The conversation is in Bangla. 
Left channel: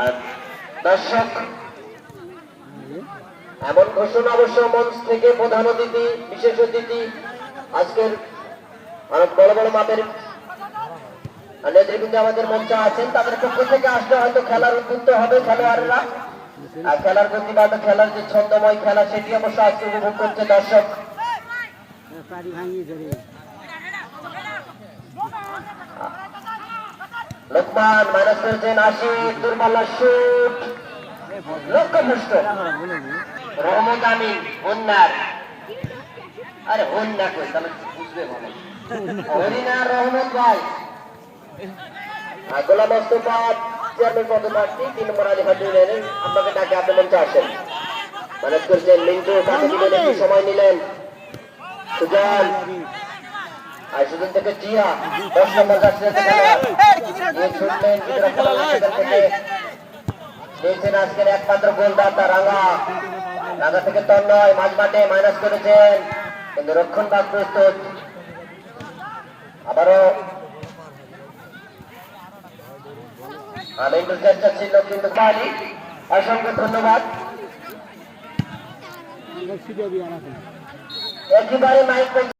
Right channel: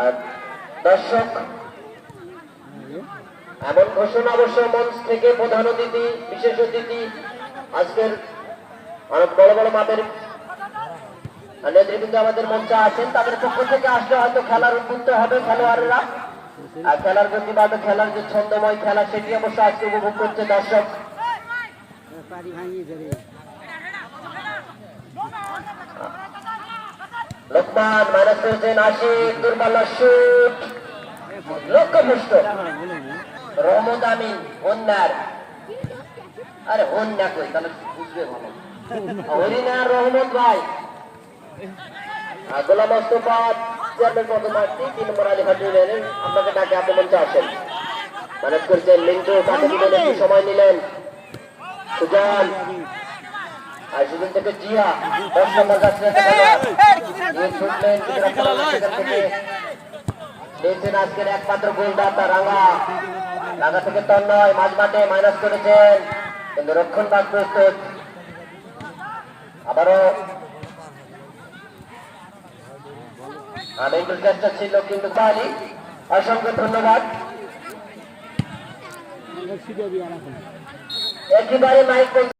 আর দর্শক, এমন ঘোষণা অবশ্য মঞ্চ থেকে প্রধান অতিথি, বিশেষ অতিথি, আজকের অনেক বড় বড় মাপের নেতৃবৃন্দ আমাদের মঞ্চে আছেন। তাদের পক্ষ থেকে আসলে হয়তো খেলার উদ্বুদ্ধ হবে খেলোয়াড়রা। আর খেলার প্রতি বা খেলার যে ছন্দময় খেলা, সেটি অবশ্য আজকে উপভোগ করছে দর্শক। লোকমান মাইনাস করেছেন আশি তিন পাল্লা শুট লক্ষ্যভ্রষ্ট রহমত আমিন হন্যার। আরে হন্যা কই, তাহলে বুঝবে ভালো। হরিনার রহমত ভাই। গোলাম মোস্তফা চেয়ারম্যান পদে প্রার্থী, তিন নম্বর আলী হাজুর আপনাকে ডাকে আপনি মঞ্চে আসেন। ম্যানেজ করেছেন মিন্টু সময় নিলেন। সুজান। আর সেদিন থেকে জিয়া, দশ নম্বর যাচ্ছে একটা খেলোয়াড় নিয়ে ছুটলেন কিন্তু রক্ষা পালন সেখান থেকে দিয়েছেন আজকের একমাত্র গোলদাতা রাঙ্গা রাঙ্গা থেকে তন্ময় মাঝ মাঠে মাইনাস করেছেন কিন্তু রক্ষণ ভাগ প্রস্তুত আবারও আনন্দের চেষ্টা ছিল কিন্তু পানি অসংখ্য ধন্যবাদ। একেবারে মাইক